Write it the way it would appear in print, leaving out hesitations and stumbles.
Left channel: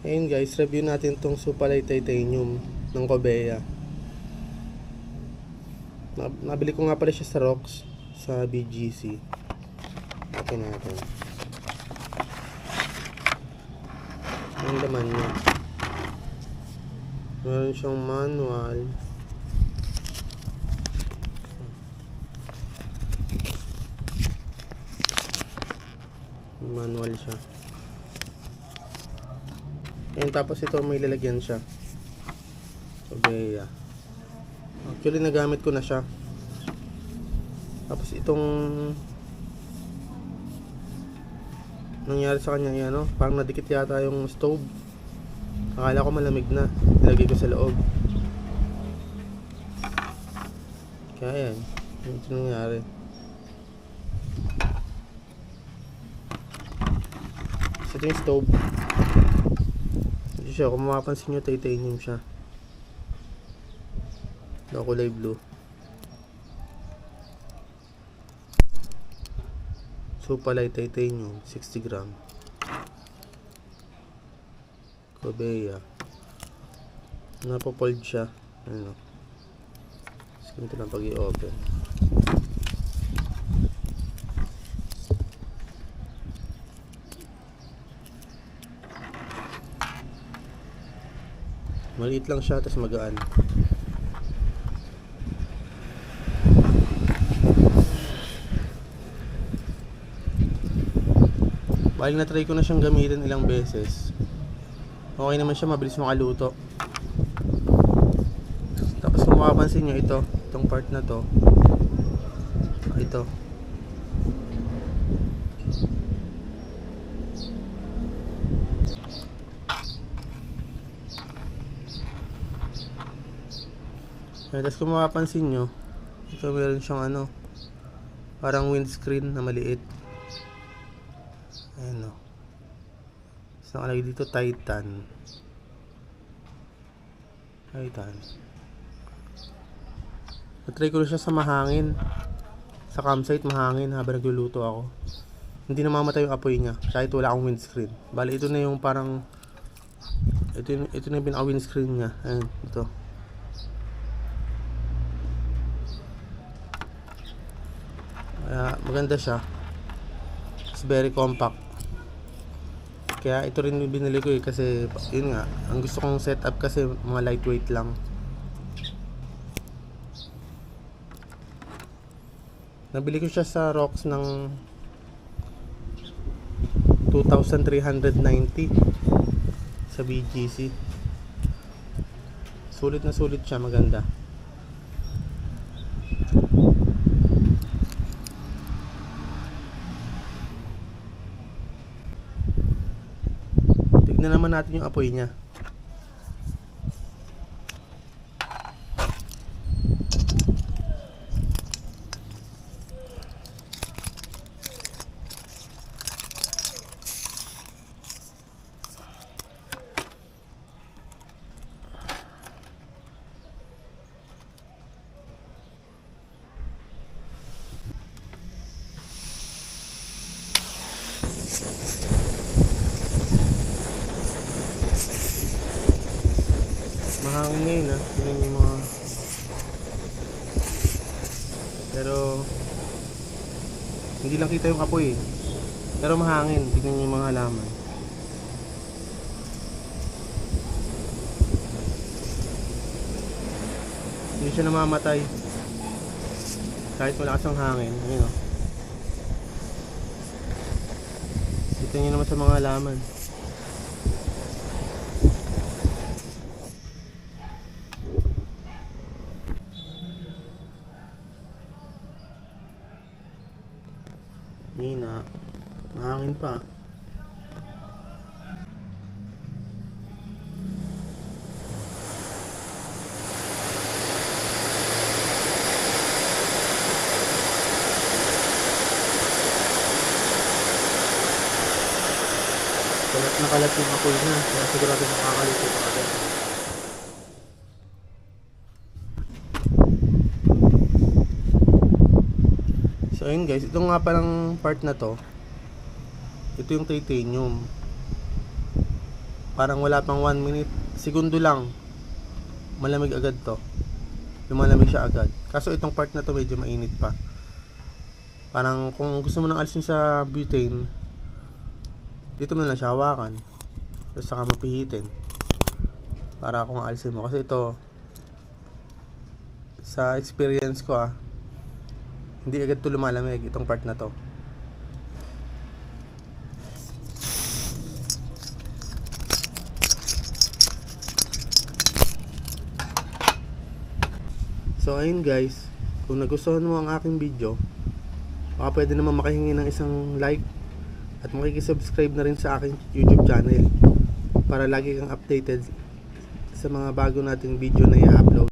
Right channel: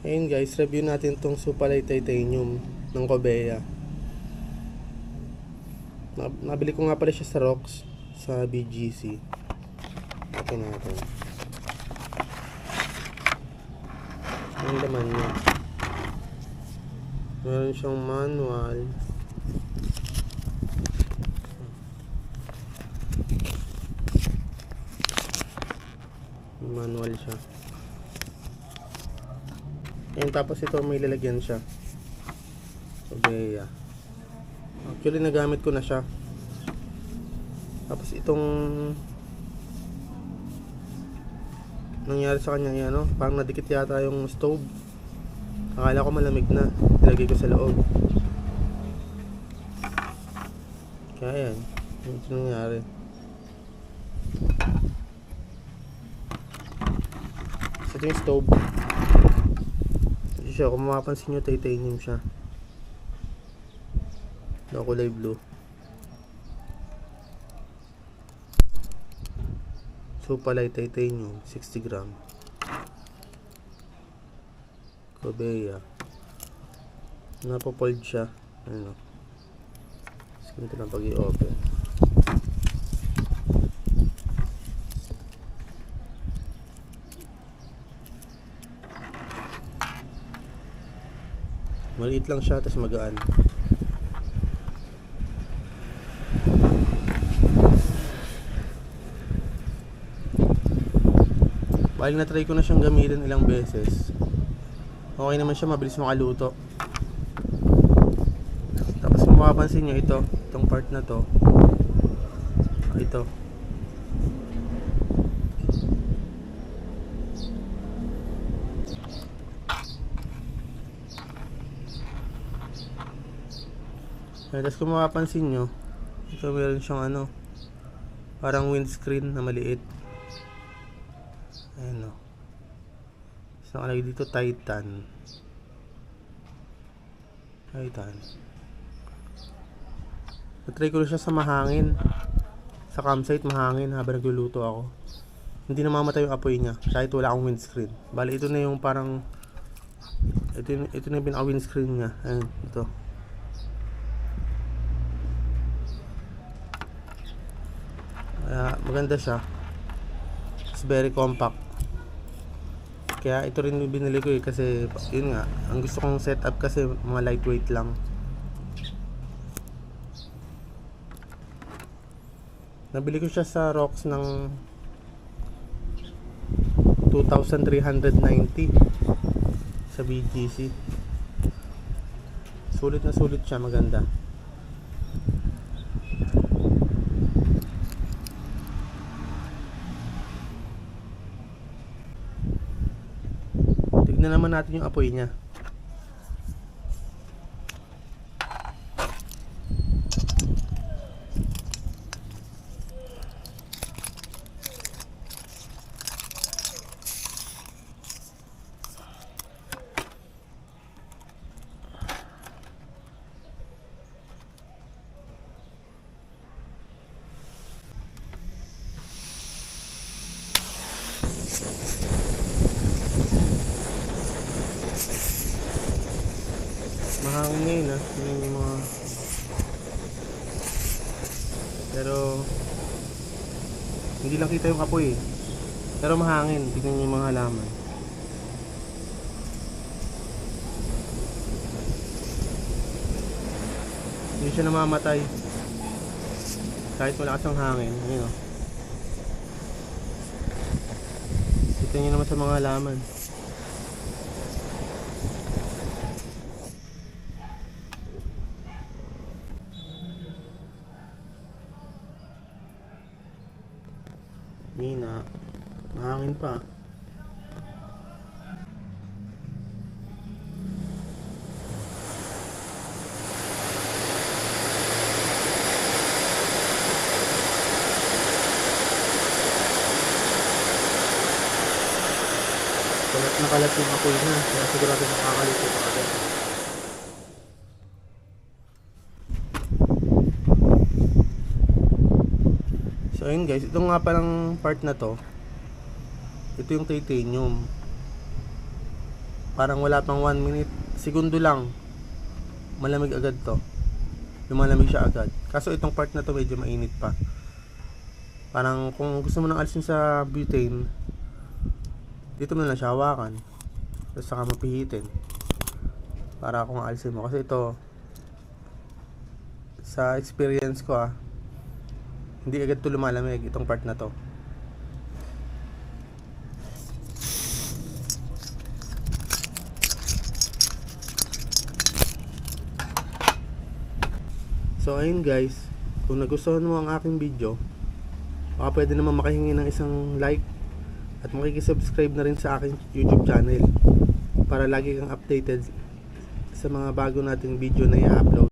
Ayun guys, review natin tong Supalay Titanium ng Cobea. Nabili ko nga pala siya sa Rox sa BGC. Ito natin. Ang laman niya. Meron siyang manual. Manual siya. Ayun, tapos ito may lalagyan siya. Cobea. Actually nagamit ko na siya. Tapos itong nangyari sa kanya yan, no? Parang nadikit yata yung stove. Akala ko malamig na. Nilagay ko sa loob. Kaya yan. Ito nangyari. Ito yung stove. Ito siya. Kung mapapansin nyo, titanium siya. Kulay blue. Supalay Titanium 60 gram. Cobea. Napopold siya. Ano? Ganito lang pag i-open. Maliit lang siya, tapos magaan. Bali na-try ko na siyang gamitin ilang beses. Okay naman siya, mabilis makaluto. Tapos kung makapansin nyo, itong part na to, ito. Tapos kung makapansin nyo, ito meron siyang parang windscreen na maliit. Ayan o. So nakalagay dito Titan. Natry ko na siya sa mahangin. Sa campsite mahangin habang nagluluto ako. Hindi namamatay yung apoy niya kahit wala akong windscreen. Bali ito na yung parang ito na yung pinaka windscreen niya. Ayan, ito. Kaya maganda siya. It's very compact. Kaya ito rin yung binili ko kasi yun nga, ang gusto kong setup kasi mga lightweight lang. Nabili ko siya sa Rox ng 2,390 sa BGC. Sulit na sulit siya, maganda. Tignan naman natin yung apoy niya. Mahangin ngayon yun yung mga pero hindi lang kita yung apoy pero mahangin. Tignan nyo yung mga halaman. Hindi siya namamatay kahit malakas ang hangin. Ayun o. Kita nyo naman sa mga halaman. Nina, mahangin pa. Nakalat yung apoy na, kaya sigurado makakalito pa agad. So ayun guys, ito nga palang part na to. Ito yung titanium. parang wala pang 1 minute, segundo lang, malamig agad to. Lumalamig siya agad. Kaso itong part na to medyo mainit pa. Parang kung gusto mo nang alisin sa butane, dito mo na lang siya hawakan. Tapos saka mapihitin. Para kung alisin mo. Kasi ito, sa experience ko hindi agad to lumalamig itong part na to. So ayun guys, kung nagustuhan mo ang aking video, baka pwede naman makahingi ng isang like at makikisubscribe na rin sa aking YouTube channel para lagi kang updated sa mga bago nating video na i-upload.